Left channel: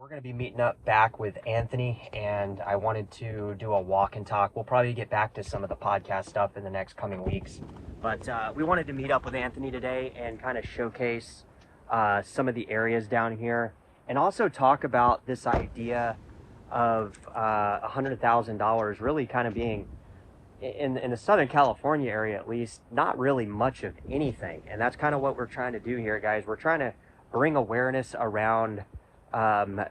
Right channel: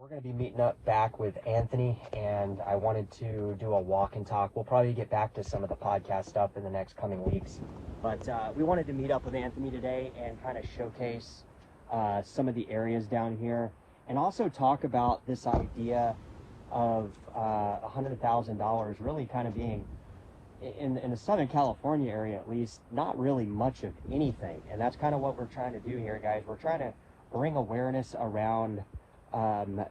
We're going to be meeting up back with Anthony, and I wanted to do a walk and talk. We'll probably get back to some of the podcast stuff in the next coming weeks, but we wanted to meet up with Anthony today and kind of showcase some of the areas down here, and also talk about this idea of $100,000 really kind of being, in the Southern California area at least, not really much of anything. And that's kind of what we're trying to do here, guys. We're trying to bring awareness around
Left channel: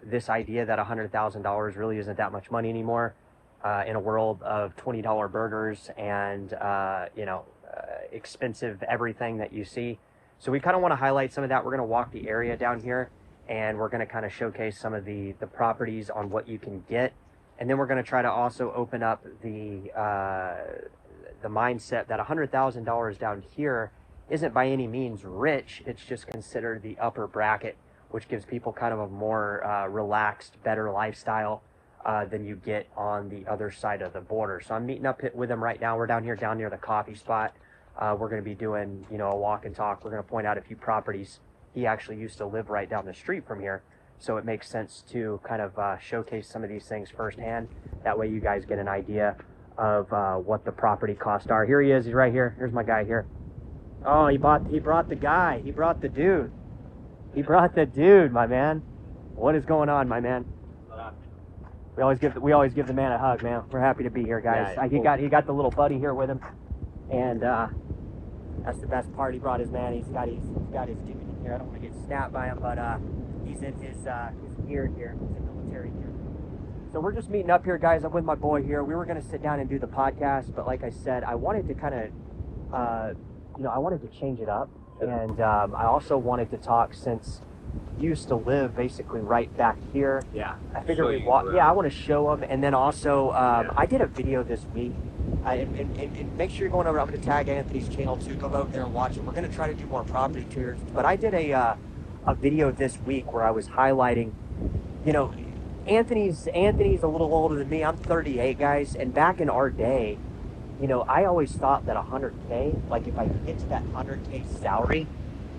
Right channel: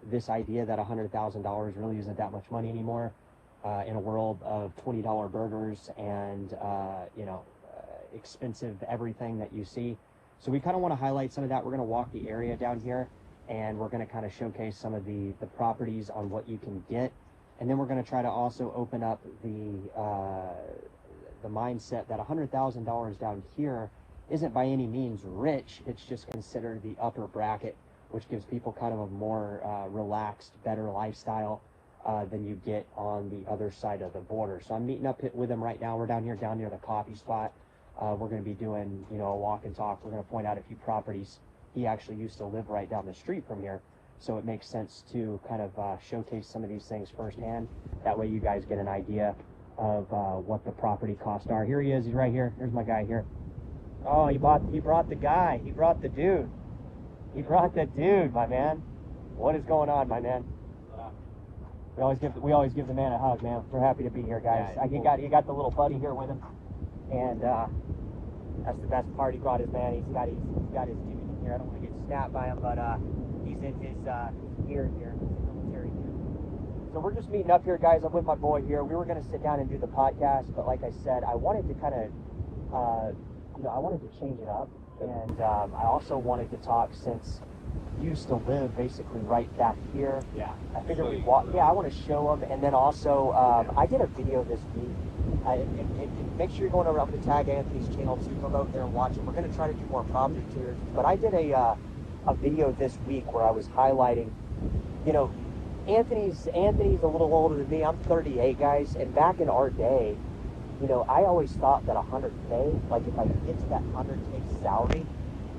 this idea that $100,000 really isn't that much money anymore in a world of $20 burgers and expensive everything that you see. So we kind of want to highlight some of that. We're going to walk the area down here, and we're going to kind of showcase some of the properties on what you can get, and then we're going to try to also open up the mindset that $100,000 down here isn't by any means rich. It's just considered the upper bracket, which gives people kind of a more relaxed, better lifestyle than you get on the other side of the border. So I'm meeting up with him right now. We're down near the coffee spot. We're going to be doing, a walk and talk. We're going to point out a few properties. He actually used to live right down the street from here, so it makes sense to kind of showcase some of these things firsthand. That way you guys get an idea of what the property costs are. Here he is. He's right here. Here's my guy here. Oh, he brought the guy. He brought the dude. He brought the dude, my man. What is going on, my man? We always give the man a hug, man. We're happy to be here, guys. Yeah, he got the little buddy here with him, and that's the best part. He brought his man. He's got his dude in here. I don't want to get snapped by him, but he's in his gear here. He's in military gear. So we're just meeting up here, guys. I'm with my boy here. We were gonna sit down and do the podcast, but like I said, I wanted to kind of, I wanted to change it up. And I also wanted to talk, since you used to live basically right back here. Yeah. I figured we'd walk. Yeah, I want to show them. And then also, I did a video this week. And make sure you're going over. I'm going to tag Anthony's channel too. Go out there and watch it. We're going to try to do more property tours. But I did a video this week where I was highlighting, Anthony's a little older than me. I'm 38, guys. And back in our day, I always thought that 100K, like if I could get to that 100K salary,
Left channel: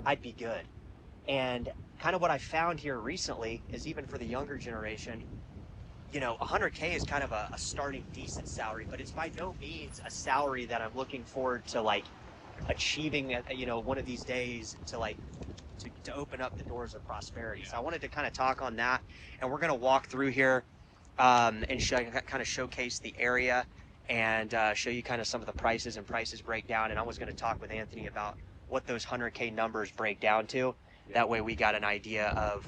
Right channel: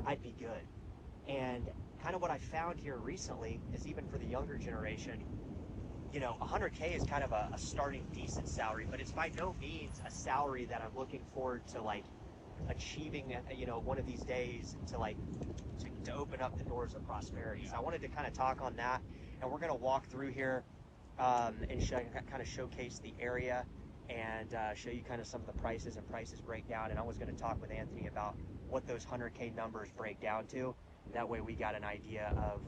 I'd be good. And kind of what I found here recently is, even for the younger generation, 100K is kind of a starting decent salary, but it's by no means a salary that I'm looking forward to like achieving, one of these days to open up the doors of prosperity. So I wanted to kind of talk on that, and we're going to walk through here and kind of showcase the area and show you kind of some of the prices and prices breakdown. And I was going to talk with Anthony about what those 100K numbers break down to. That way we got an idea of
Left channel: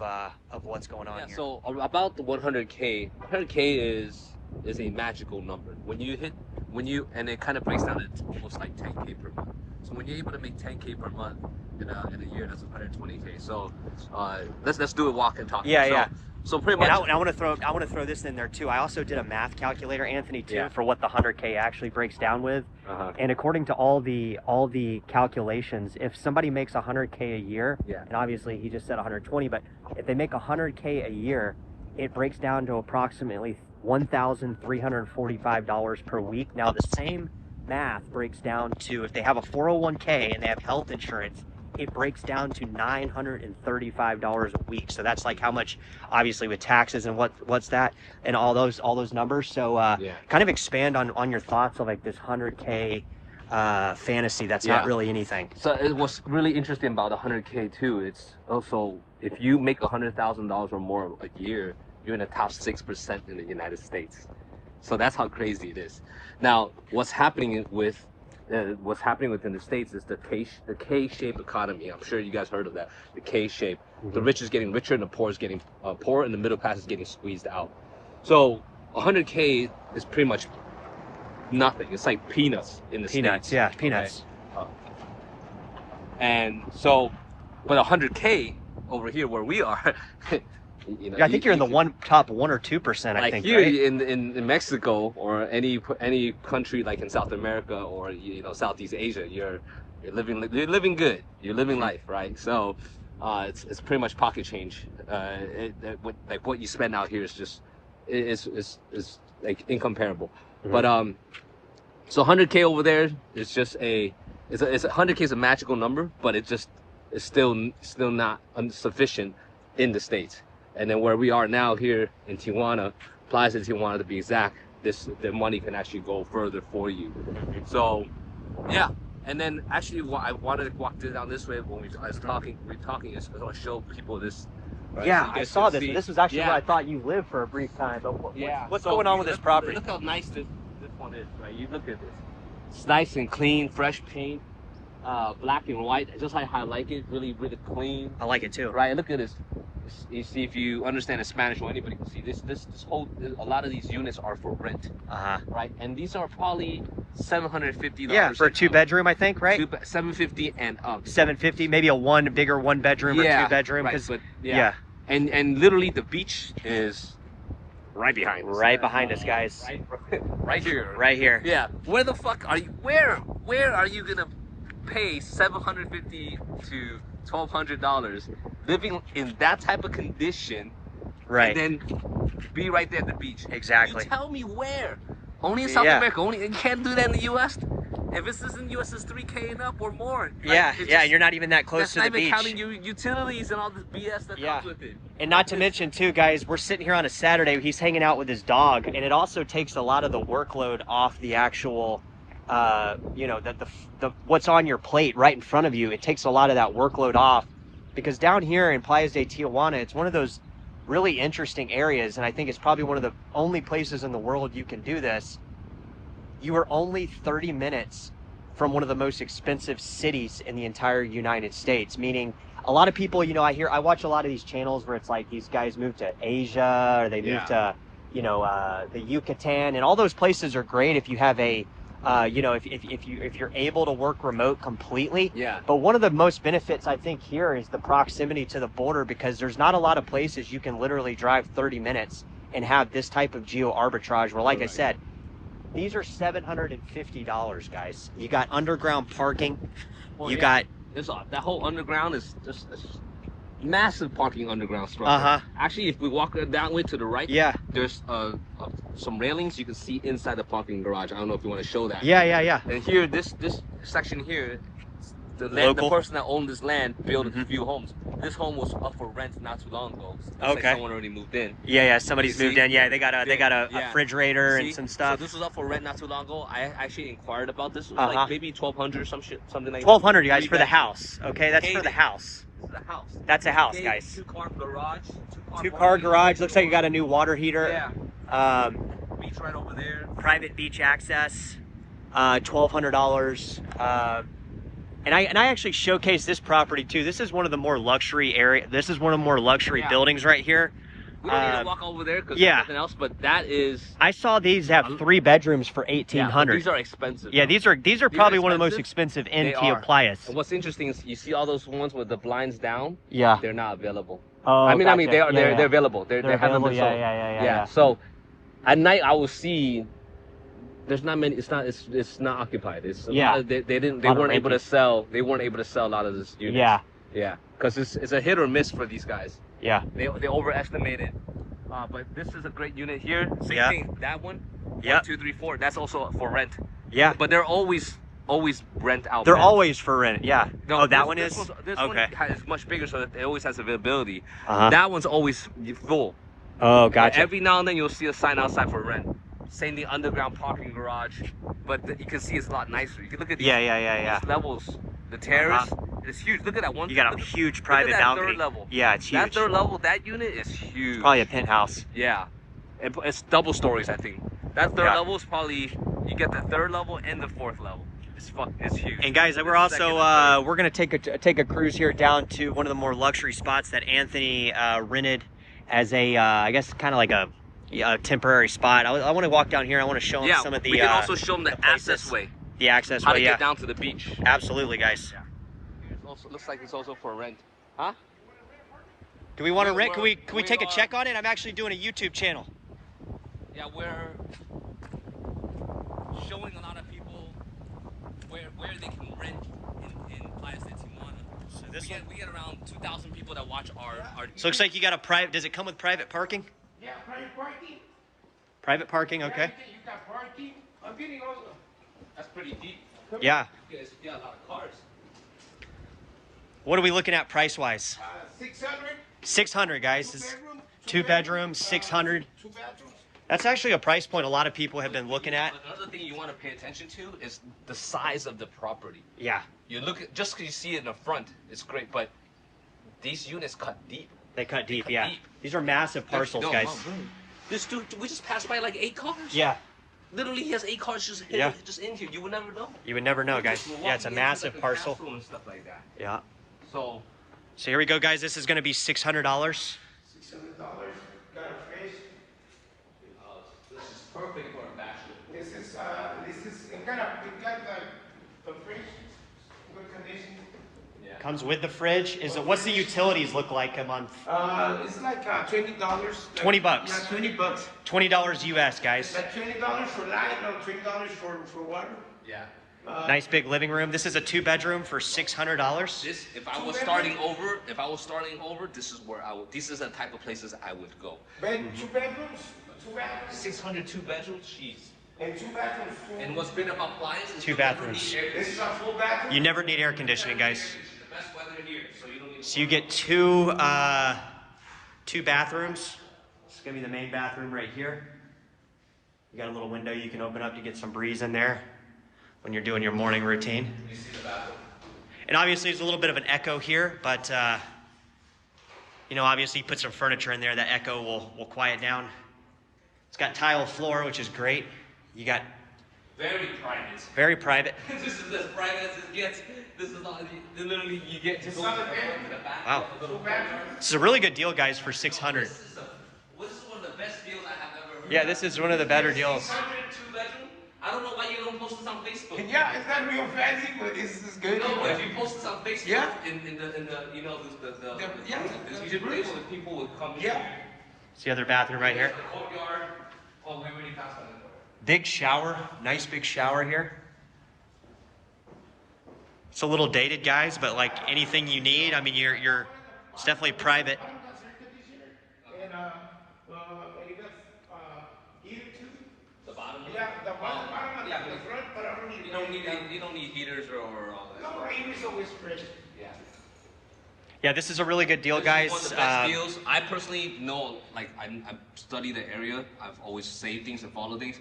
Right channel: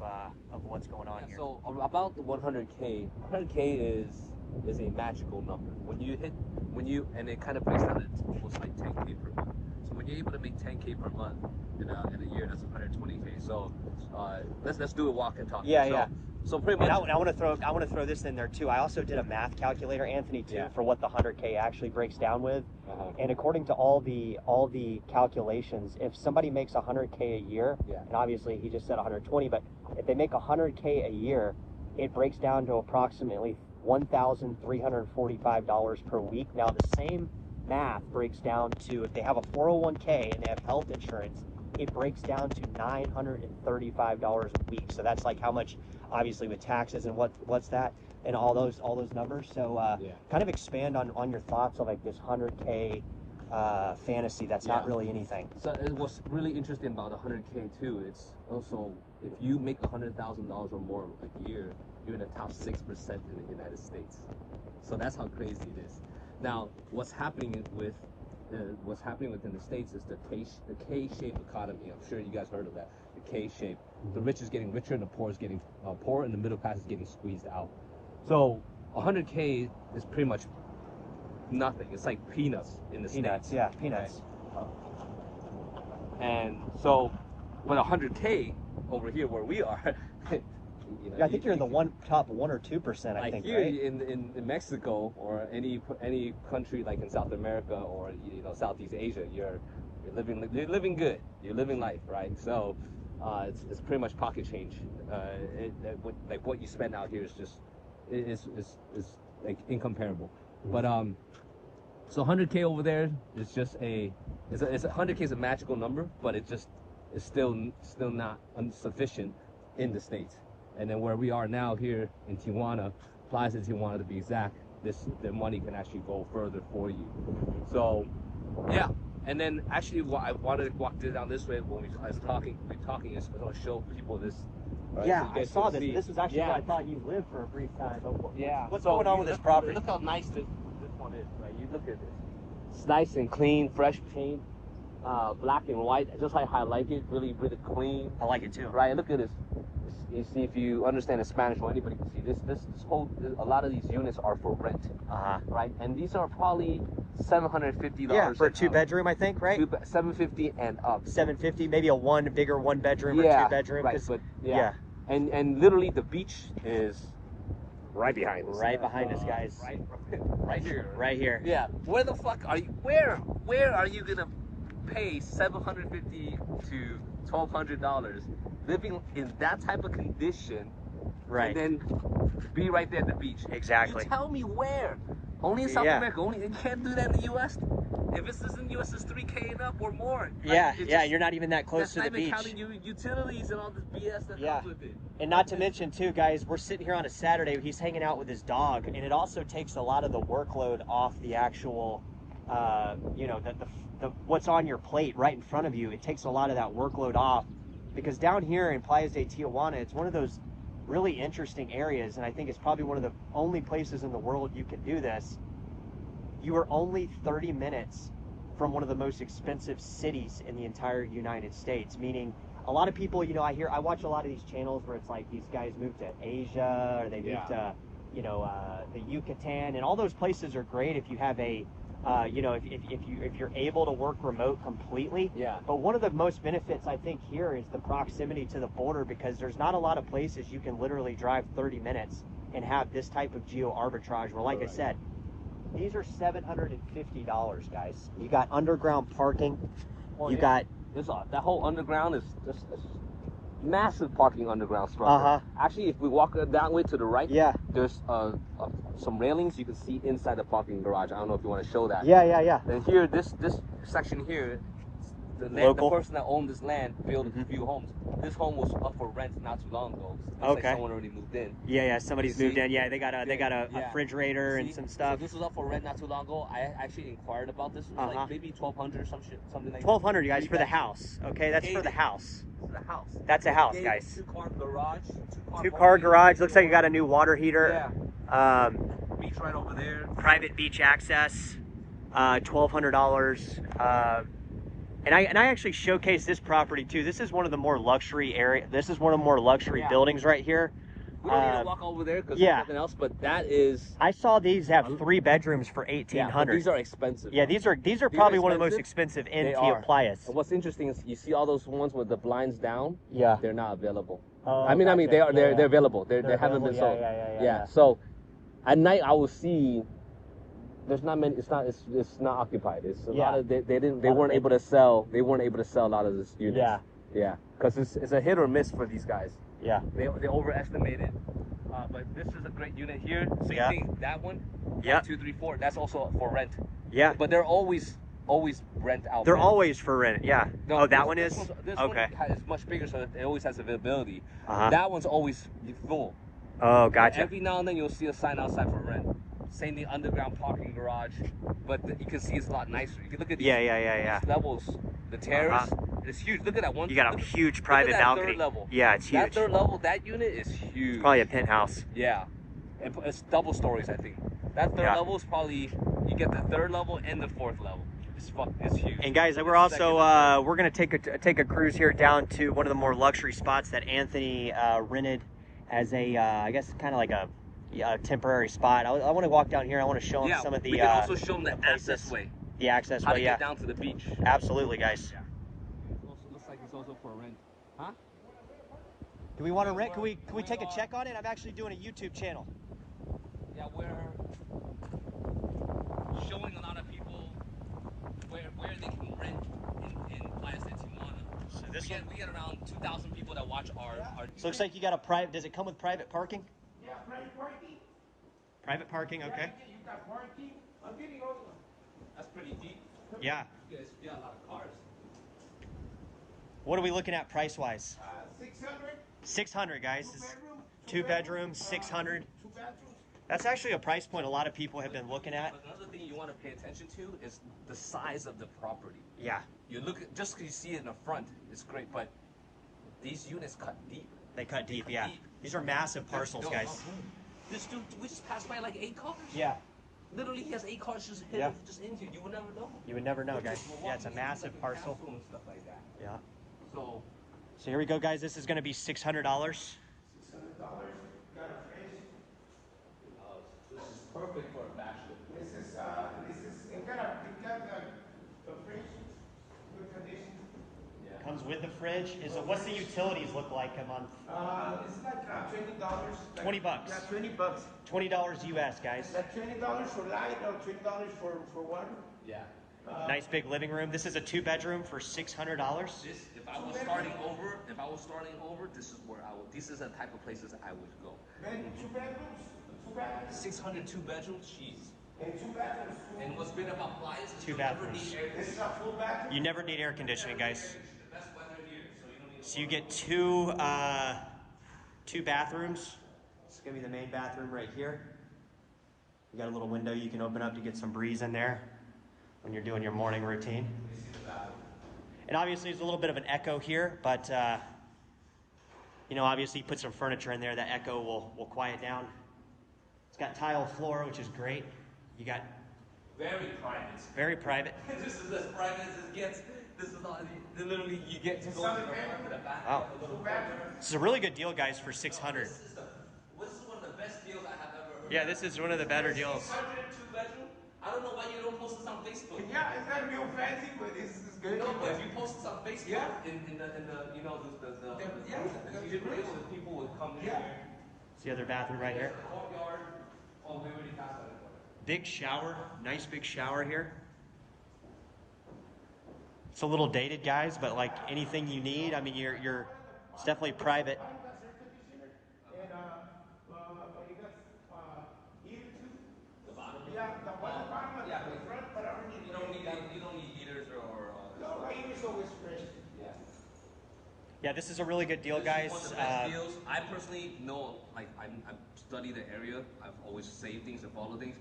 what's going on here. So about the 100K is a magical number. And it kind of breaks down to almost like 10K per month. So when you're able to make 10K per month in a year, that's 120K. So let's do a walk and talk. Yeah. So pretty much. And I want to throw this in there too. I also did a math calculator, Anthony, too, for what the 100K actually breaks down with. And according to all the calculations, if somebody makes 100K a year, and obviously he just said 120, but if they make 100K a year, it breaks down to approximately $1,345 per week. Now the same math breaks down to, if they have a 401K and they have health insurance, it breaks down to $935 a week. So that's like how much, obviously with taxes and what's that, and all those numbers. So kind of expand on your thoughts of like this 100K fantasy that's not really anything. So it was really interesting about the 100K too. It's also, if you make $100,000 or more a year, you're in the top 6% in the United States. So that's how crazy it is. Now, what's happening within the States is the K-shaped economy. I'm sure you guys heard of that. The K-shape. The rich is getting richer and the poor is getting poor, and the middle class is getting squeezed out. So 100K is pretty much nothing. It's like peanuts in the States. Yeah, peanuts. Okay. And so, but 100K over here where we are, I think you're in the top 1 or 2%. I think here, right? in Mexico or any country like in South America or Southeast Asia, you're living good. You're living life, right? So it's pretty much pocket change. Like what you spend out here is just is like incomparable. But so 100K over there is just it's 100K is a magical number, but it's still not sufficient in the States. And then where we are now here in Tijuana, Playas de Tijuana to be exact, the money can actually go further for you. So yeah. And then actually what I wanted to walk down this way when I was talking is because I want to show people this. Right, Yeah, so you I guys saw can this. see. This was actually Yeah. where I thought you lived for a brief time. But what's going on with this property? Look how nice this one is. Right? You look at this. It's nice and clean, fresh paint, black and white, just like I like it. Really, really clean. I like it too. Right. Look at this. You see, if you understand the Spanish, or anybody can see this whole. A lot of these units are for rent. Right. And these are probably $750. Yeah, for a 2-bedroom, I think, right? $750 and up. 750, maybe a bigger 1-bedroom or 2-bedroom. Right. But yeah. And literally the beach is right behind us. Right behind us, guys. Right here. Right here. Yeah. Where the fuck are you? Where are you gonna pay $750 to $1,200 living in that type of condition? Right. And then be right there at the beach. Exactly. You tell me where. Only in South America. You can't do that in the U.S. If this is in the U.S., it's $3K and up or more. Like, yeah, you're not even that close to the beach. That's not even counting utilities and all this BS that comes with it. And not to mention, too, guys, we're sitting here on a Saturday. He's hanging out with his dog, and it also takes a lot of the workload off the actual, you know, the what's on your plate right in front of you. It takes a lot of that workload off because down here in Playas de Tijuana, it's one of those really interesting areas, and I think it's probably one of the only places in the world you can do this. You are only 30 minutes from one of the most expensive cities in the entire United States, meaning a lot of people, you know, I watch a lot of these channels where it's like these guys move to Asia or they move to, you know, the Yucatan, and all those places are great if you have a, you know, if you're able to work remote completely. Yeah. But one of the most benefits I think here is the proximity to the border, because there's not a lot of places you can literally drive 30 minutes and have this type of geo arbitrage where, like I said, these are $750, guys. You got underground parking. You got that whole underground is just a massive parking underground structure. Actually, if we walk that way to the right, there's some railings you can see inside the parking garage. I don't know if you want to show that. Yeah. And here, this section here, the person that owned this land built a few homes. This home was up for rent not too long ago. Like someone already moved in. Yeah, somebody's moved in. Yeah, they got a refrigerator and some stuff. So this was up for rent not too long ago. I actually inquired about this. It was like maybe $1,200 something like that. $1,200, guys, for the house. Okay, that's for the house. This is a house. That's a house, guys. Two-car garage. Two-car garage. Looks like you got a new water heater. Beach right over there. Private beach access. $1,200. And I actually showcased this property too. This is one of the more luxury This is one of the more luxury buildings right here. We don't need to walk over there because there's nothing else. But that is. I saw these have 3 bedrooms for $1,800. These are expensive. Yeah, these are probably one of the most expensive in Playas. What's interesting is you see all those ones with the blinds down. Yeah. They're not available. Oh, I mean they're available. They're available. Yeah. So at night I will see. There's not many. It's not occupied. It's a lot of, they weren't able to sell. They weren't able to sell a lot of this units. Yeah. Because it's a hit or miss for these guys. Yeah. They overestimated. But this is a great unit here. Same thing. That one. Yeah. 2, 3, 4. That's also for rent. Yeah. But they're always rent out. They're always for rent. Yeah. No, that one is. This okay. One is much bigger, so that it always has availability. That one's always full. Oh, gotcha. Every now and then you'll see a sign outside for rent. Same the underground parking garage, but you can see it's a lot nicer. You can look at these, these levels, the terrace. It's huge. Look at that one. You got a huge private balcony. Third level. Yeah, it's huge. That third level, that unit is huge. Probably a penthouse. Yeah, it's double stories, I think. That third level is probably, you get the third level and the fourth level. It's huge. And guys, we're also we're gonna take a cruise here down to one of the more luxury spots that Anthony rented as a I guess kind of like a temporary spot. I want to walk down here. I want to show them some of the. We can also show them the access way. The access way. How to get down to the beach. Absolutely, guys. Yeah. It also looks like it's also for rent. Huh? Do we want to rent? Can we take a check on it? I'm actually doing a YouTube channel. Yeah, we're showing a lot of people where they can rent in Playas de Tijuana. So we get around 2,000 people that watch our. So it looks like you got a private. Does it come with private parking? Yeah, private parking. Private parking, okay. You got parking. I'm getting all the. That's pretty deep. Yeah. You guys got a lot of cars. What are we looking at price-wise? 600. 600, guys. 2 bedrooms, 600. 2 bedrooms. That's actually a price point a lot of people have been looking at. Another thing you want to pay attention to is the size of the property. Yeah, You look at, just because you see it in the front, it's great, but these units cut deep. they cut deep, cut yeah. deep. These are massive parcels, No, guys. no, bro. This dude, we just passed by like 8 cars. Yeah, Literally, he has 8 cars just hidden, Yeah. just in here. You would never know. you would never know, guys. Just Yeah, it's a walking massive into, like, parcel. bathroom and stuff like that. Yeah. So, So here we go, guys. This is going to be $600. $600. Got a fridge. this is perfect for a bachelor. This is it got the fridge. Good condition. Yeah. Comes with the fridge. What's the utilities look like a month? It's like $20. $20. Yeah, $20. $20 US, guys. $20 for light, no $20 for water. Yeah. Nice big living room. This is a 2 bedroom for $600. This, if I was starting over, this is where I would. This is the type of places I would go. 2 bedrooms. 2 bedrooms. 602 bedrooms, jeez. And 2 bathrooms. And what's great about Playas is 2 bathrooms. This is a full bathroom. You never need air conditioning, guys. the best weather here, so you don't need. So you get two bathrooms. This is gonna be the main bathroom right here. You got a little window you can open up to get some breeze in there when you're doing your morning routine. You see the bathroom. And obviously there's a little bit of an echo here, but you know, obviously you put some furniture in there, that echo will quiet down. It's got tile floor, which is great. You got Very private. very private. This is as private as it gets. This is all. Literally, you get to go to the bathroom. Wow. A little bathroom. This is a really good deal, guys, for 600. This is one of the best deals I have ever heard. Yeah, this is one of the better deals. 602 bedroom. I don't know why you don't post this on Facebook. Yeah, it's not real fancy, but this is good. No, if you post this on Facebook, Yeah. in the you know the Yeah. you should be able to people would come Yeah. here. It's the other bathroom right here. The courtyard. Oh, we already passed on it. Big shower, nice big shower here. It's a little dated, guys, but like anything you need, I mean, it's definitely private. And it got heater too. The bottom. Yeah, the bottom, yeah, the front, but I don't need. You don't need heaters or all that. No, heater's always fresh. Yeah. Yeah, this is a really good deal, This guys. is one of the best deals. I personally know, like, I've studied the area. I've always saved things and followed things.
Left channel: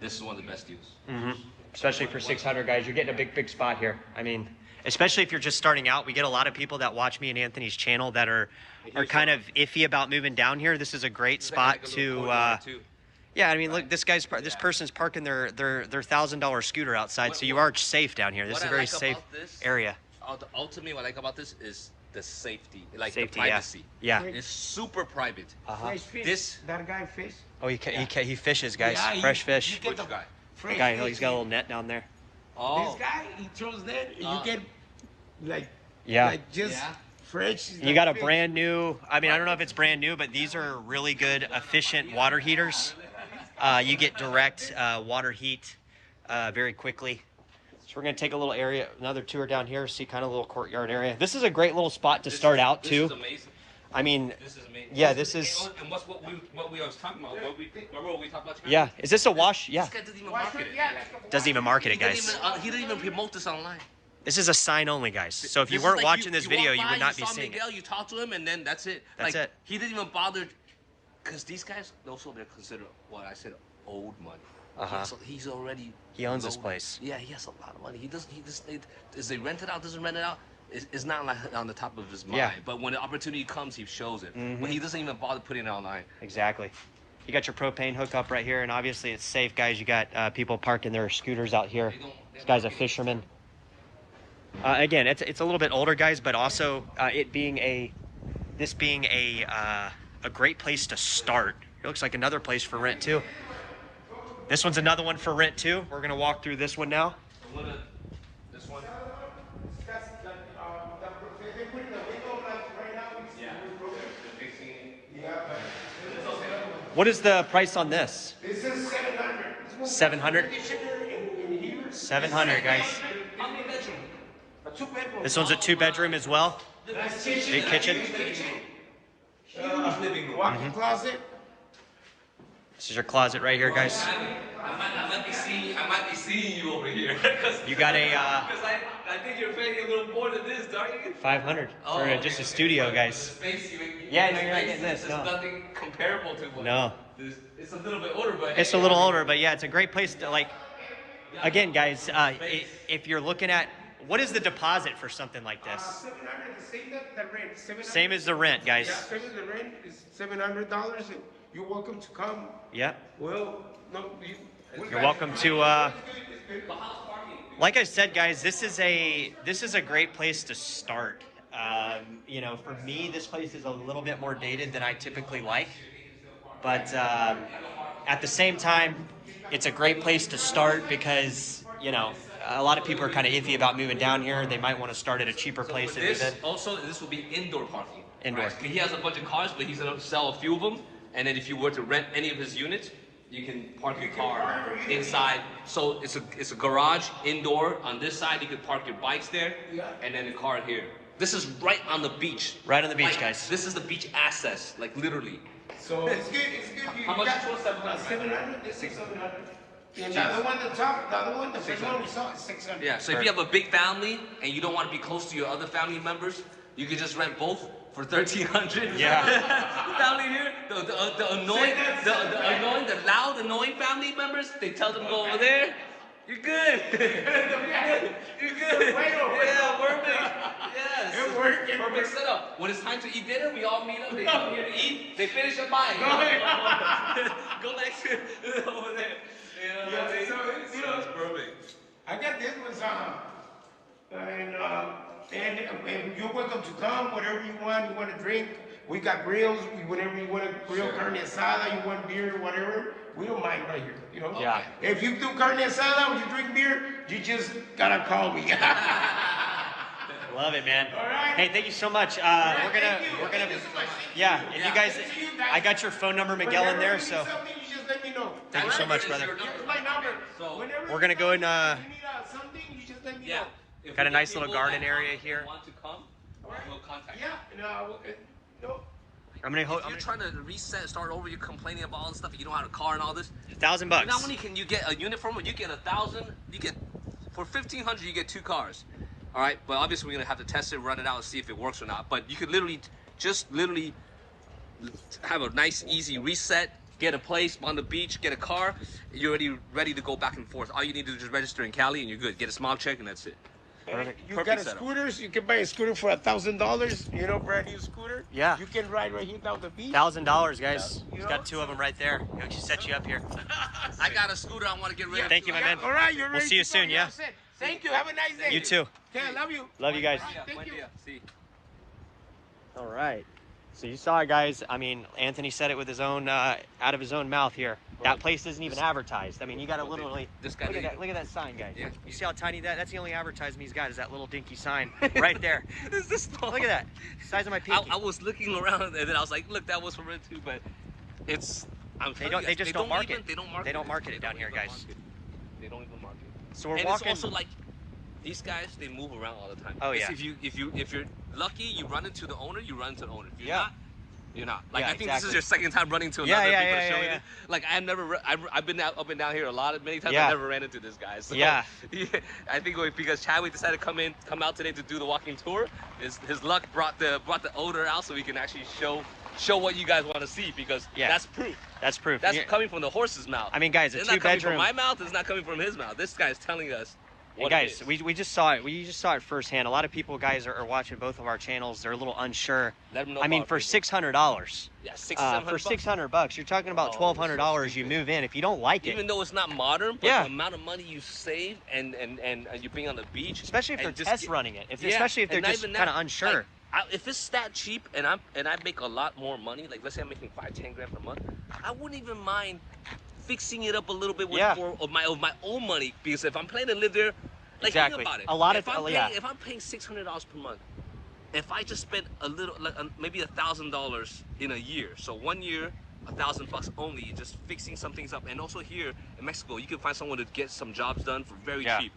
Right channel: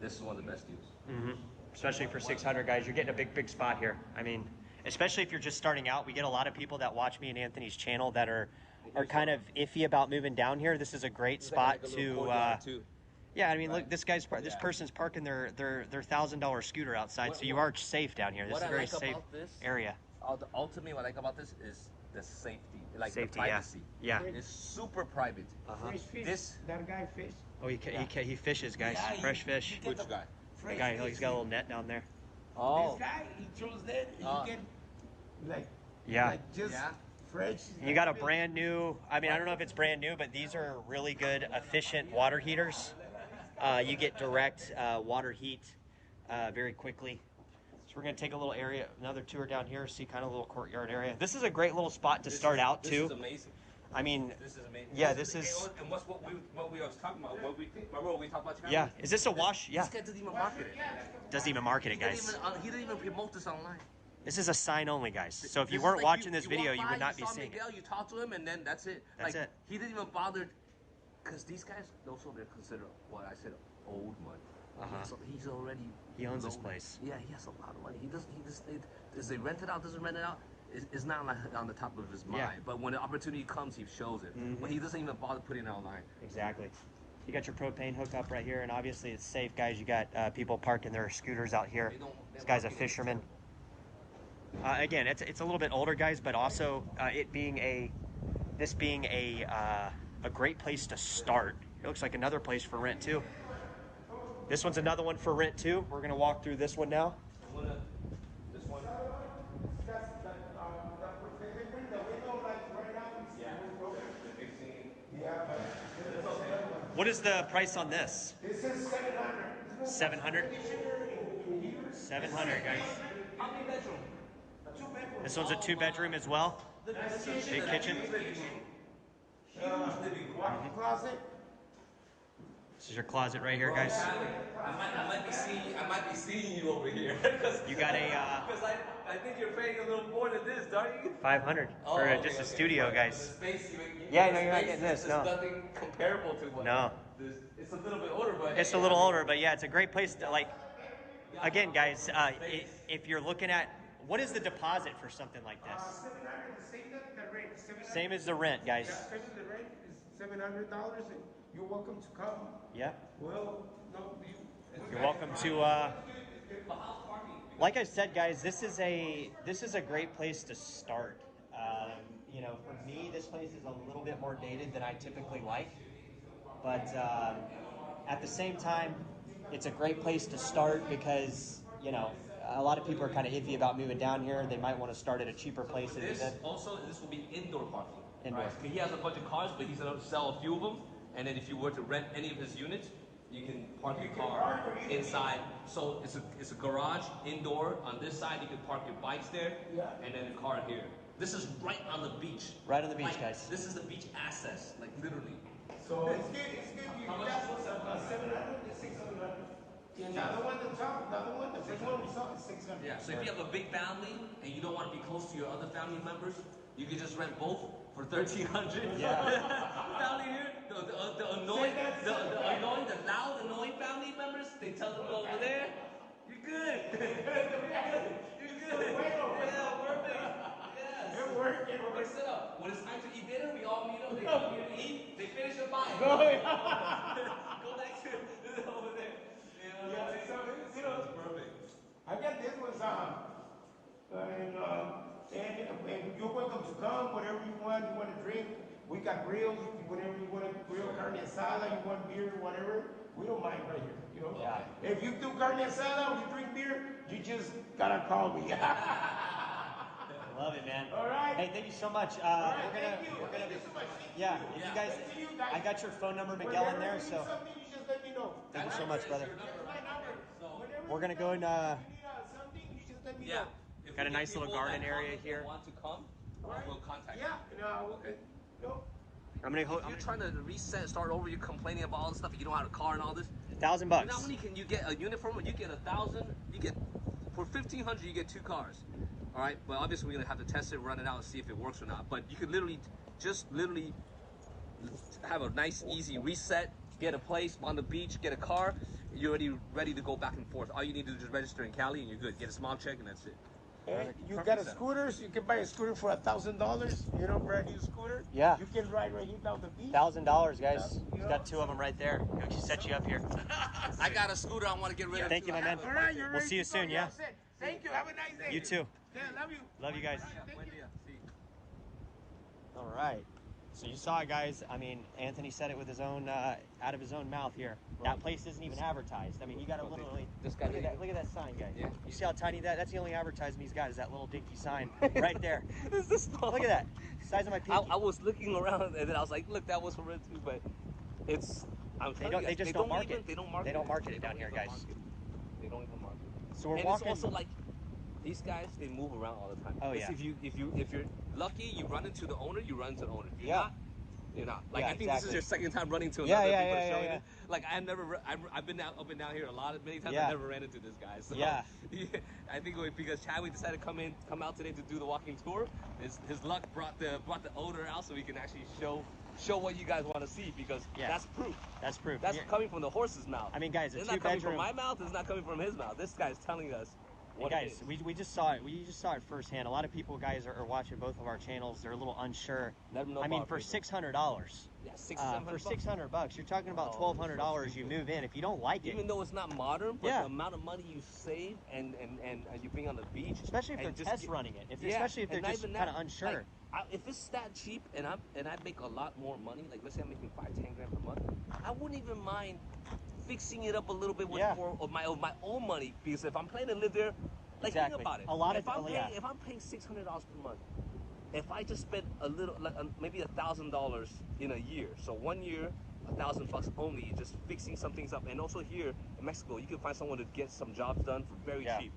This is one of the best deals. Especially for 600, guys. You're getting a big spot here. I mean, especially if you're just starting out. We get a lot of people that watch me and Anthony's channel that are kind of iffy about moving down here. This is a great spot to, yeah, I mean, look, this person's parking their $1,000 scooter outside, so you are safe down here. This is a very safe area. Ultimately, what I like about this is the safety, like Safety, the privacy. yeah. It's super private. Fresh fish. This- That guy fish. Oh, he fishes, guys. Yeah, Fresh fish. You get the Which guy? fresh Guy, fish. he's got a little net down there. Oh. This guy, he throws net, and you get like, Yeah. like just Yeah. fresh. You got a brand new, I mean, I don't know if it's brand new, but these are really good, efficient water heaters. You get direct water heat very quickly. So we're going to take a little area, another tour down here, see kind of a little courtyard area. This is a great little spot to start out, too. This is amazing. I mean, This is amazing. yeah, this is, And what we was talking about? Remember what we talked about? yeah. Is this a wash? Yeah. This guy doesn't even market it. Doesn't even market it, guys. He didn't even promote this online. This is a sign only, guys. So if you This is weren't like watching this video, walk you by, would not be saw seeing it. Miguel, you talked to him, and then that's it. That's like, it. He didn't even bother, because these guys also they're considered what I said old money. Uh-huh. He's already. He owns this loaded. place. Yeah, he has a lot of money. He does they rent it out? Doesn't rent it out? It's not like on the top of his mind. Yeah. But when the opportunity comes, he shows it. But he doesn't even bother putting it online. Exactly. You got your propane hookup right here, and obviously it's safe, guys. You got people parking their scooters out here. This guy's a fisherman. Again, it's a little bit older, guys, but also this being a great place to start. It looks like another place for rent too. This one's another one for rent too. We're gonna walk through this one now. This one. What is the price on this? This is 700. 700. 700, guys. How many bedroom? A 2-bedroom. This one's a 2-bedroom as well. Big kitchen. Walk-in closet. This is your closet right here, guys. I might be seeing you over here. You got a I think you're paying a little more than this, aren't you? 500 for just a studio, guys. Space, Yeah, no, you're not getting this. There's No. nothing comparable to what No. It's a little bit older, but It's a little older, but yeah, it's a great place to like. Again, guys, if you're looking at what is the deposit for something like this? 700, the same that the rent. 700. Same as the rent, guys. Yeah, same as the rent is $700, and you're welcome to come. Yep. Well, no, You're welcome to. Like I said, guys, this is a great place to start. You know, for me, this place is a little bit more dated than I typically like, but at the same time, it's a great place to start because you know a lot of people are kind of iffy about moving down here. They might want to start at a cheaper place. This will be indoor parking. Indoor. Right? He has a bunch of cars, but he's gonna sell a few of them. And then if you were to rent any of his units, you can park your car inside. So it's a garage indoor. On this side, you can park your bikes there, and then the car here. This is right on the beach. Right on the beach, Like, guys. This is the beach access, like literally. So it's good. It's good. How much got is it? 700? 700. It's 600. And the other one, the other one, the first one we saw is 600. Yeah. So if you have a big family and you don't want to be close to your other family members, you can just rent both for 1,300. Yeah. Family here, the annoying, the loud, annoying family members, they tell them go over there. You're good. You're good. Yeah, perfect. Yes. It worked. Perfect setup. When it's time to eat dinner, we all meet up. They come here to eat. They finish at mine. Go next to over there. You know what I mean? So it's, you know, It's perfect. I got this one, and you're welcome to come, whatever you want to drink. We got grills, whatever you want to grill, carne asada, you want beer, whatever. We don't mind right here, you know? Yeah. If you do carne asada or you drink beer, you just gotta call me. Love it, man. All right. Hey, thank you so much. Thank you so much. Yeah, if you guys, Thank you, guys. I got your phone number, Miguel, in there, Whenever you so need something, you just let me know. thank you so much, brother. Here's my number. So, Whenever we're gonna go and you need something, you just let me Yeah. know. If Got a we nice get little people garden that area here. Want to come, we'll contact you. Yeah, no. I'm gonna If you're trying to reset, start over, you're complaining about all this stuff, you don't have a car and all this. $1,000 You bucks. know how many can you get a unit from? You get 1,000. You get for 1,500. You get 2 cars. All right, but obviously we're gonna have to test it, run it out, and see if it works or not. But you could literally have a nice, easy reset. Get a place on the beach, get a car. You're already ready to go back and forth. All you need to do is just register in Cali, and you're good. Get a small check, and that's it. You Perfect got a setup. scooters, you can buy a scooter for $1,000, you know, brand new scooter. Yeah. You can ride right here down the beach. $1,000, guys. He's got 2 of them right there. He'll just set you up here. I got a scooter I want to get rid of. Thank you, my man. All right, you're ready. We'll see you to go. soon, You're yeah? all set. Thank you. Have a nice day. You too. Okay, I love you. Love you guys. Thank you. See. All right. So you saw it, guys. I mean, Anthony said it with his own, out of his own mouth here. That place isn't even advertised. I mean, you got to literally This guy look at did. that. Look at that sign, guys. Yeah. You see how tiny that's the only advertisement he's got is that little dinky sign right there. Is this small? Look at that. Size of my pinky. I was looking around and then I was like, look, that was for rent too, but it's. I'm telling you guys, they don't market. They don't market. They don't market it down here, guys. They don't even market. So we're And walking. it's also like these guys, they move around all the time. Oh, It's yeah. If you're lucky, you run into the owner. You run into the owner. If you're Yeah. not, you're not. Like Yeah, I think this exactly. is your second time running to Yeah, another yeah, people yeah, to show yeah, you yeah. this. Like I've been up and down here many times. Yeah. I never ran into this guy. So, Yeah. I think because Chadwick decided to come out today to do the walking tour. His luck brought the owner out so we can actually show what you guys want to see because Yeah. that's proof. That's proof. That's Yeah. coming from the horse's mouth. I mean, guys, a it's not coming from two-bedroom. my mouth. It's not coming from his mouth. This guy's telling us. Hey, What guys, it is. we just saw it. We just saw it firsthand. A lot of people, guys, are watching both of our channels. They're a little unsure. Let them know I mean, about for it. $600, Yeah, for $600, you're talking about Oh, $1,200. so You stupid. move in. If you don't like it, Even though it's not modern, but Yeah. the amount of money you save and you being on the beach, especially if they're and just test get- running it, Yeah, especially if they're and not just even kind of that, unsure. like, if it's that cheap and I make a lot more money, like let's say I'm making 5-10 grand per month, I wouldn't even mind fixing it up a little bit with Yeah. of my own money because if I'm planning to live there, like Exactly. think about it. A lot if of- I'm paying, yeah. if I'm paying $600 per month, if I just spend a little, like maybe $1,000 in a year, so 1 year, $1,000 only, just fixing some things up, and also here in Mexico, you can find someone to get some jobs done for very Yeah. cheap.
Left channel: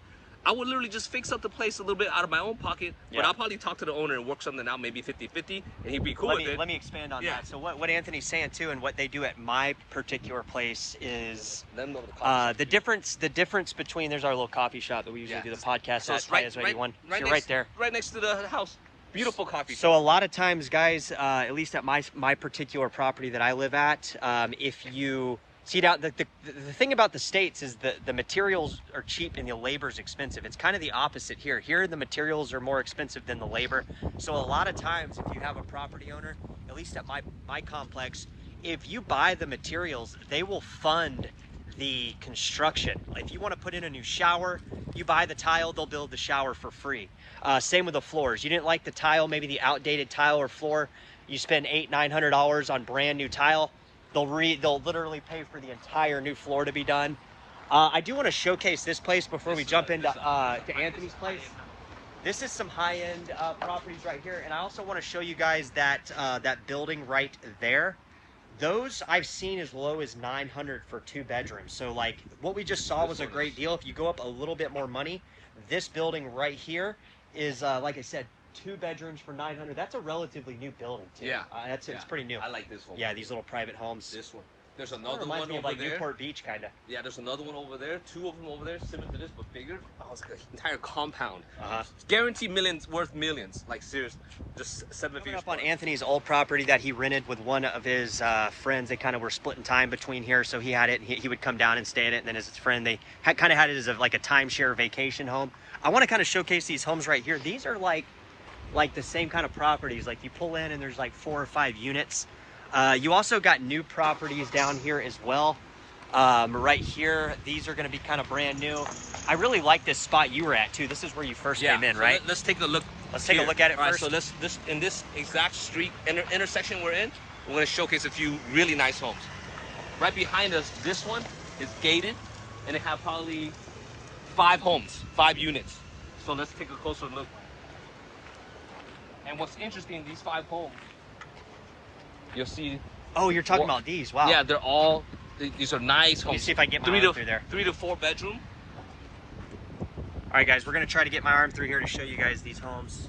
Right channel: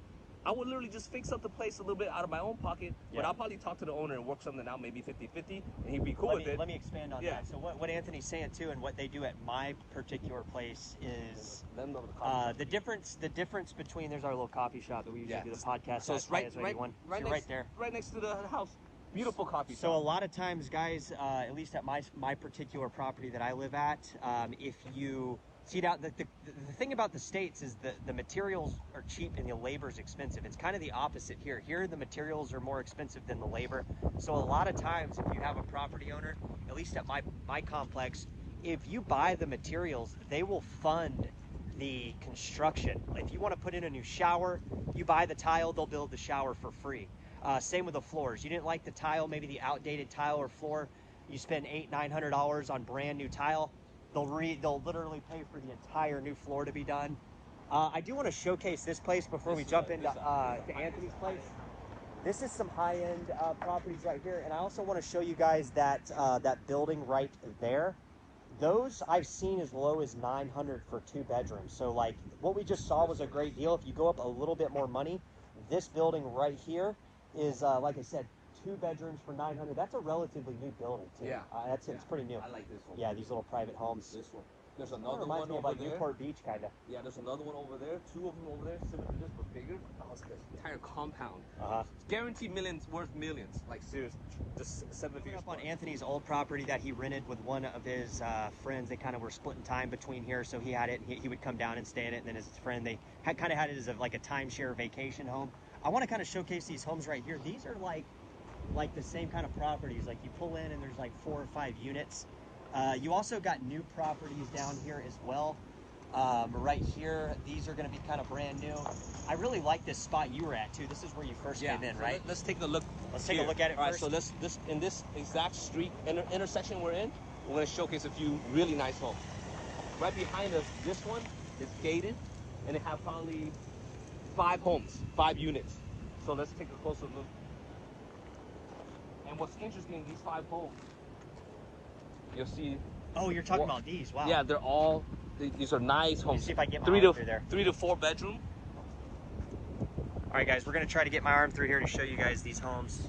I would literally just fix up the place a little bit out of my own pocket, but I'll probably talk to the owner and work something out, maybe 50-50, and he'd be cool with it. Let me expand on that. So what Anthony's saying too, and what they do at my particular place is the difference between, there's our little coffee shop that we usually do the podcast at, Playas de Tijuana. Right there. Right next to the house. Beautiful coffee shop. So a lot of times, guys, at least at my particular property that I live at, if you see down, the thing about the States is the materials are cheap and the labor is expensive. It's kind of the opposite here. Here, the materials are more expensive than the labor. So a lot of times, if you have a property owner, at least at my complex, if you buy the materials, they will fund the construction. If you want to put in a new shower, you buy the tile, they'll build the shower for free. Same with the floors. You didn't like the tile, maybe the outdated tile or floor, you spend $800-900 on brand new tile, they'll literally pay for the entire new floor to be done. I do want to showcase this place before we jump into to Anthony's place. This is some high-end properties right here, and I also want to show you guys that that building right there. Those I've seen as low as $900 for 2 bedrooms. So like what we just saw was a great deal. If you go up a little bit more money, this building right here is like I said, 2 bedrooms for $900. That's a relatively new building too. Yeah, it's pretty new. I like this one. Yeah, these little private homes. This one. There's another one over like there. Newport Beach kind of. Yeah, there's another one over there. 2 of them over there, similar to this but bigger. Oh, it's an entire compound. Guaranteed millions, worth millions. Like seriously, just 7 figures. Up on Anthony's old property that he rented with one of his friends. They kind of were splitting time between here, so he had it. He would come down and stay in it, and then his friend, they kind of had it as like a timeshare vacation home. I want to kind of showcase these homes right here. These are like the same kind of properties. Like you pull in and there's like 4 or 5 units. You also got new properties down here as well. Right here, these are going to be kind of brand new. I really like this spot you were at too. This is where you first came in, right? Let's take a look. Let's take a look at it first. So this in this exact street intersection we're in, we're going to showcase a few really nice homes. Right behind us, this one is gated, and it have probably 5 homes, 5 units. So let's take a closer look. And what's interesting, these 5 homes, you'll see. Oh, you're talking about these? Wow. Yeah, these are nice homes. Let me see if I can get my arm through there. 3 to 4 bedroom. All right, guys, we're gonna try to get my arm through here to show you guys these homes.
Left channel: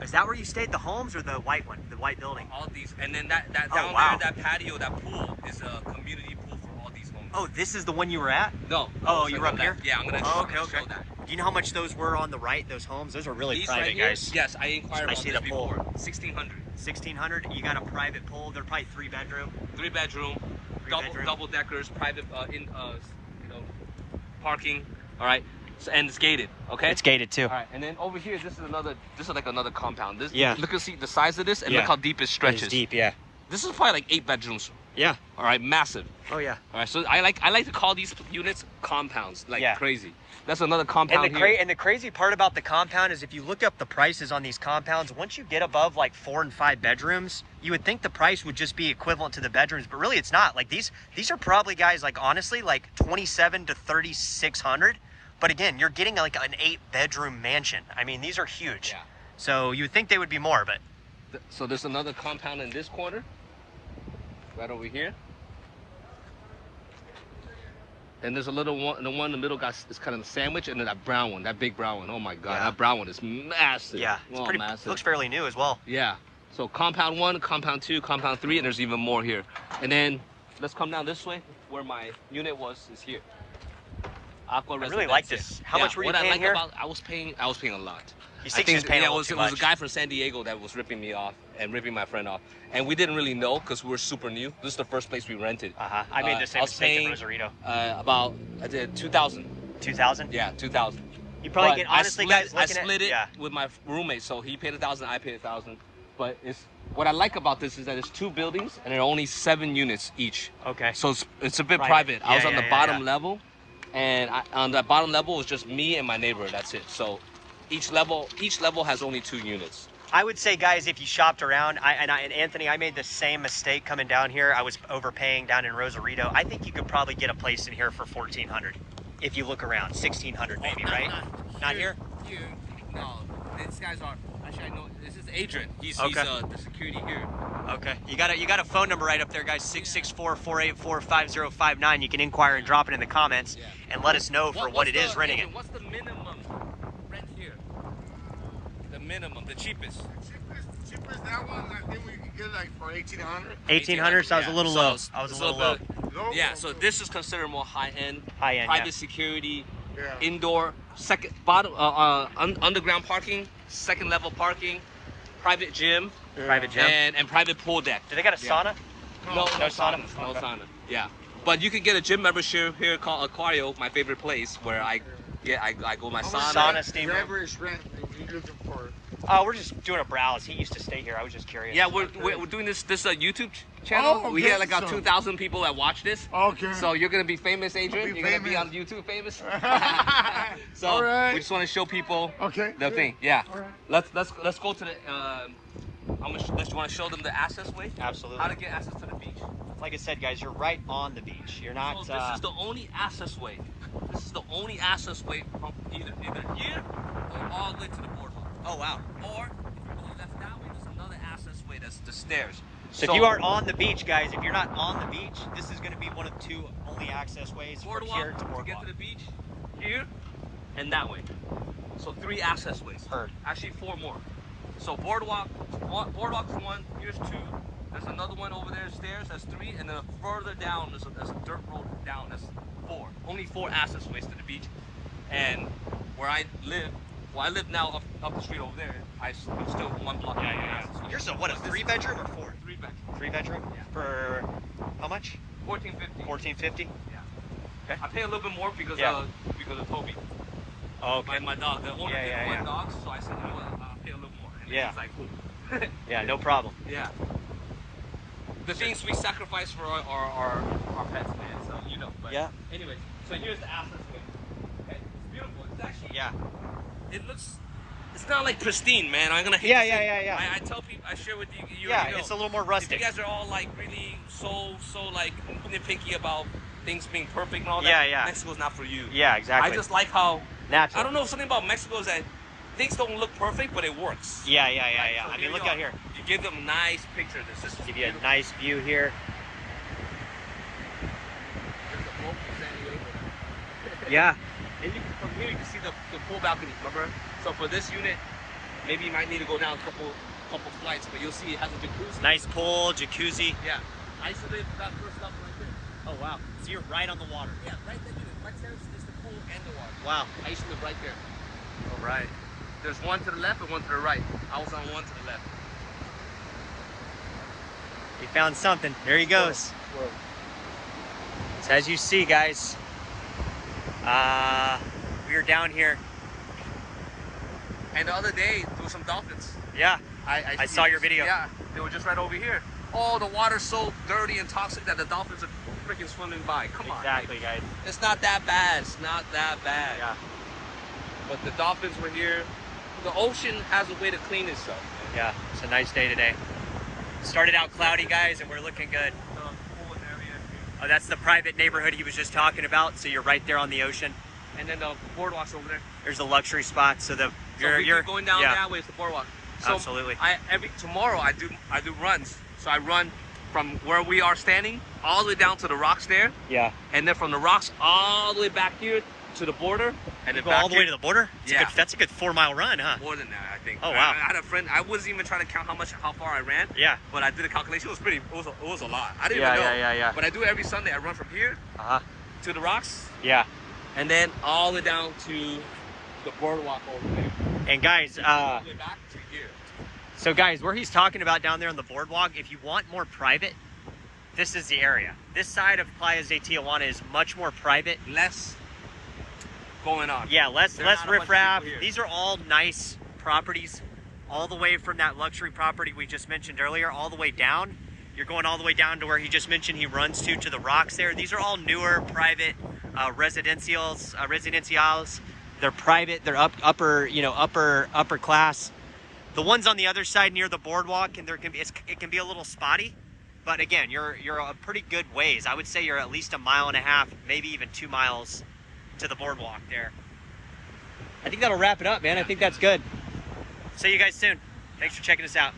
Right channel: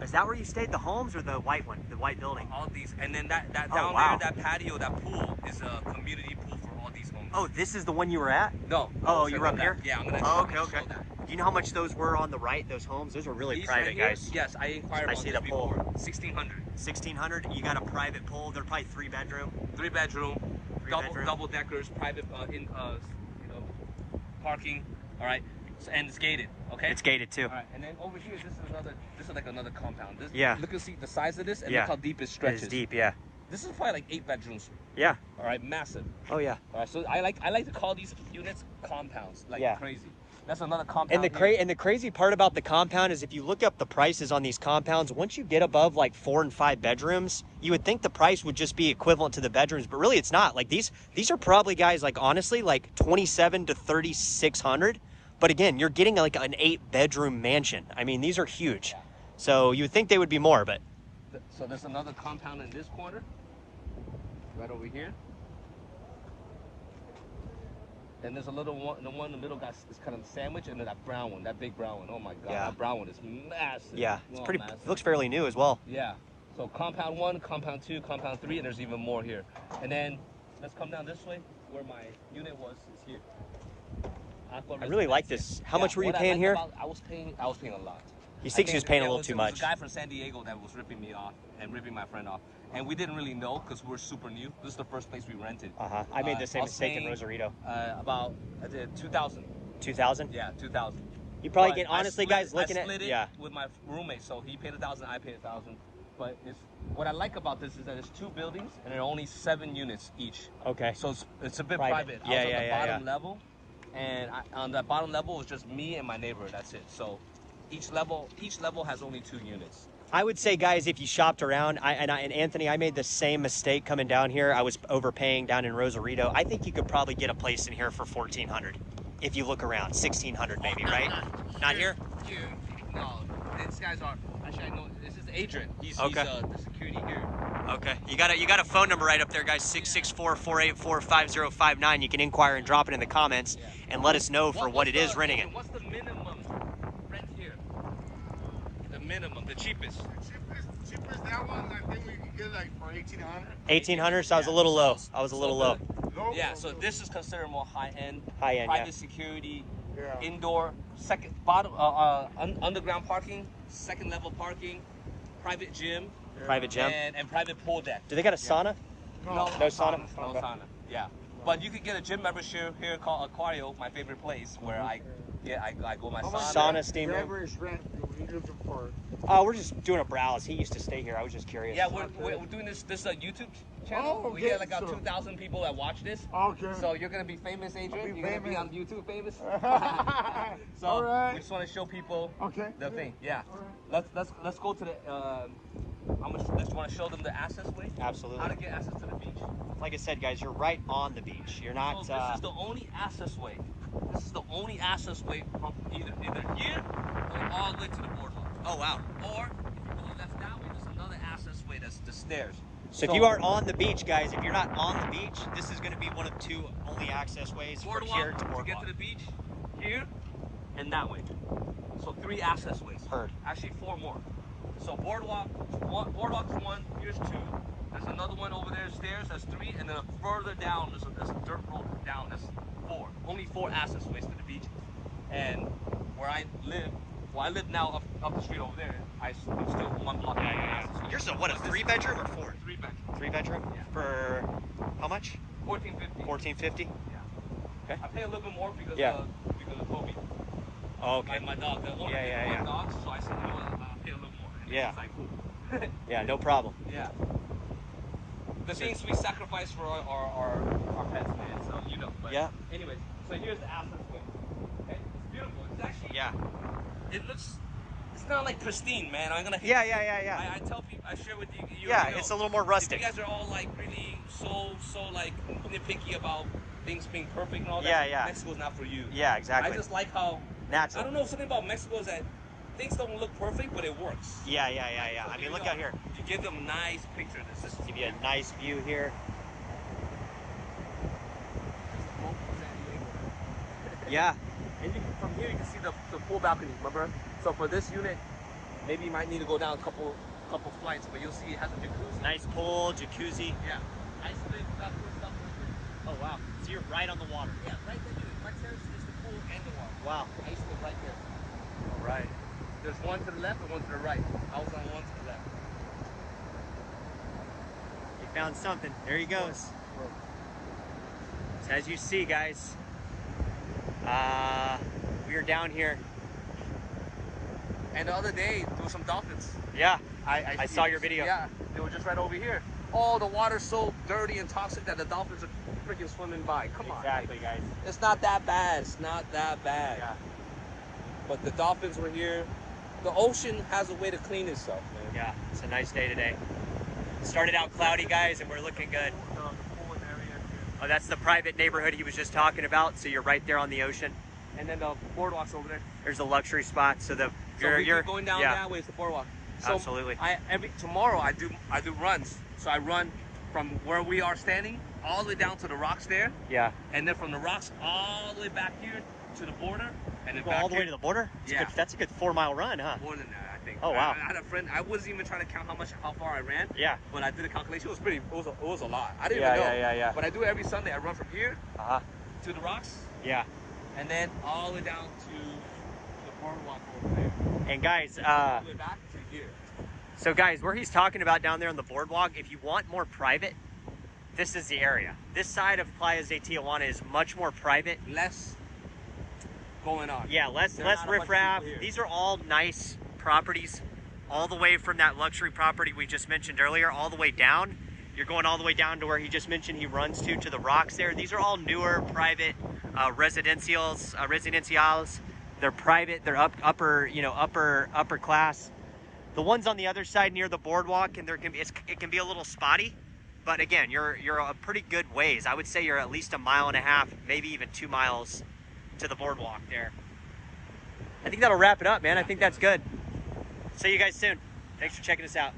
Is that where you stayed? The homes or the white one, the white building? All these, and then that down there, that patio, that pool is a community pool for all these homes. Oh, this is the one you were at? No. Oh, you were up there? Yeah, I'm gonna. Oh, okay. That. Do you know how much those were on the right? Those homes? Those are really These private, right here, guys. Yes, I inquired about this before. 1,600. 1,600. You got a private pool. They're probably 3 bedroom. 3 bedroom, double deckers, private parking. All right, so, and it's gated. Okay. It's gated too. All right, and then over here, this is like another compound. This, yeah. Look and see the size of this, and look how deep it stretches. It's deep, yeah. This is probably like 8 bedrooms. Yeah. All right, massive. Oh yeah. All right, so I like to call these units compounds, like crazy. That's another And compound the crazy part about the compound is if you look up the prices on these compounds, once you get above like 4 and 5 bedrooms, you would think the price would just be equivalent to the bedrooms, but really it's not. Like these are probably, guys, like honestly, like 2,700 to 3,600. But again, you're getting like an 8-bedroom mansion. I mean, these are huge. Yeah. So you would think they would be more, but. So there's another compound in this corner, right over here. And there's a little one, the one in the middle guy is kind of the sandwich, and then that brown one, that big brown one. Oh my God, that brown one is massive. Yeah, it's pretty massive. Looks fairly new as well. Yeah. So compound 1, compound 2, compound 3, and there's even more here. And then let's come down this way, where my unit was, is here. I really like this. How much were you paying here? I was paying a lot. You think he was paying a little too much? It was a guy from San Diego that was ripping me off and ripping my friend off. And we didn't really know because we were super new. This is the first place we rented. I made the same mistake in Rosarito. I did 2,000. 2,000? Yeah, 2,000. You probably get, honestly, guys, I split it with my roommate, so he paid 1,000, I paid 1,000. But what I like about this is that it's 2 buildings and there are only 7 units each. Okay. So it's a bit private. I was on the bottom level, and on that bottom level was just me and my neighbor. That's it. So each level has only 2 units. I would say, guys, if you shopped around, and Anthony, I made the same mistake coming down here. I was overpaying down in Rosarito. I think you could probably get a place in here for 1,400 if you look around. 1,600 maybe, right? Not here? No, these guys are. Actually, I know this is Adrian. He's the security here. Okay. You got a phone number right up there, guys. 664-484-5059. You can inquire and drop it in the comments and let us know for what it is renting it. What's the minimum minimum, the cheapest. Cheapest that one, I think we can get like for 1,800. 1,800, so I was a little low. So- I was a so little low. Yeah, so this is considered more high-end, High-end, private yeah. security, Yeah. indoor, underground parking, second level parking, private gym, Private gym. and private pool deck. Do they got a sauna? No No sauna. saunas. No Okay. sauna. Yeah. But you can get a gym membership here called Aquario, my favorite place, where I go my sauna. Sauna, steam The room. average rent you're looking for. Oh, we're just doing a browse. He used to stay here. I was just curious. Yeah, we're doing this YouTube channel. Oh, We okay, get like so- 2,000 people that watch this. Okay. So you're gonna be famous, Adrian. I'll be You're gonna be on famous. YouTube famous. So All right. we just want to show people Okay. the thing. Yeah. All right. Let's go to the. Let's want to show them the access way. Absolutely. How to get access to the beach. Like I said, guys, you're right on the beach. You're not. So this is the only access way. This is the only access way from either here or all the way to the boardwalk. Oh wow. Or left that way, there's another access way. That's the stairs. So if you are on the beach, guys, if you're not on the beach, this is going to be one of two only access ways from boardwalk here to to boardwalk. get to the beach, here and that way. So 3 access ways. Actually 4 more. So boardwalk is 1. Here's 2. There's another one over there, stairs. That's 3, and then further down there's a dirt road down. That's 4. Only 4 access ways to the beach. And where I live, well, I live now up the street over there. I'm still 1 block away from access ways. Yours is what, a 3-bedroom or 4? 3 bedroom. 3-bedroom? Yeah. For how much? $14.50. $14.50. Yeah. I pay a little bit more because of Toby. Oh, My dog. I want to get more dogs, so I said, you know what, I'll pay a little more. And Yeah. he's like, cool. yeah, no problem. Yeah. The things we sacrifice for our pets, man. So you know. But Yeah. anyways, so here's the access way. Okay, it's beautiful. It's actually It looks. It's not like pristine, man. I'm gonna hate to say it. Yeah. I tell people. I share with you. Yeah, you know, it's a little more you rustic. guys are all like really so like nitpicky about things being perfect and all that. Yeah, yeah. Mexico's not for you. Yeah, exactly. I just like how Natural. I don't know, something about Mexico is that things don't look perfect, but it works. Yeah. I mean, look out here. You give them nice pictures. It's just Give you a nice view here. There's a boat from San Diego there. Yeah. And you can, from here you can see the pool balcony cover. So for this unit, maybe you might need to go down a couple flights, but you'll see it has a jacuzzi. Nice pool, jacuzzi. Yeah. Isolated, that kind of stuff right there. Oh wow. So you're right on the water. Yeah, right there. Right there is the pool and the water. Wow. I used to live right there. All right. There's one to the left and one to the right. I was on one to the left. He found something. There he goes. So as you see, guys, we are down here. And the other day, there was some dolphins. Yeah. I saw your video. Yeah, they were just right over here. Oh, the water's so dirty and toxic that the dolphins are freaking swimming by. Come on. Exactly, guys. It's not that bad. It's not that bad. Yeah. But the dolphins were here. The ocean has a way to clean itself. Yeah. It's a nice day today. Started out cloudy, guys, and we're looking good. Oh, that's the private neighborhood he was just talking about. So you're right there on the ocean. And then the boardwalk's over there. There's a luxury spot. So the you're going down yeah. that way is the boardwalk. So Absolutely. Tomorrow I do runs. So I run from where we are standing all the way down to the rocks there, Yeah. and then from the rocks all the way back here to the border, and then Go back all the here. way to the border? Yeah. That's a good 4-mile run, huh? More than that, I think. Oh, wow. I had a friend. I wasn't even trying to count how far I ran. Yeah. But I did a calculation. It was a lot. I didn't Yeah, even know. yeah. But I do it every Sunday. I run from here Uh-huh. to the rocks, Yeah. and then all the way down to the boardwalk over there. And guys, All the way back to here. so guys, where he's talking about down there on the boardwalk, if you want more private, this is the area. This side of Playas de Tijuana is much more private. Less going on. Yeah, less There's not a bunch of riffraff. people here. These are all nice properties, all the way from that luxury property we just mentioned earlier, all the way down. You're going all the way down to where he just mentioned he runs to the rocks there. These are all newer private residencials. They're private. They're upper class. The ones on the other side near the boardwalk, and it can be a little spotty. But again, you're a pretty good ways. I would say you're at least 1.5 miles, maybe even 2 miles to the boardwalk there. I think that'll wrap it up, man. I think that's good. See you guys soon. Thanks for checking us out.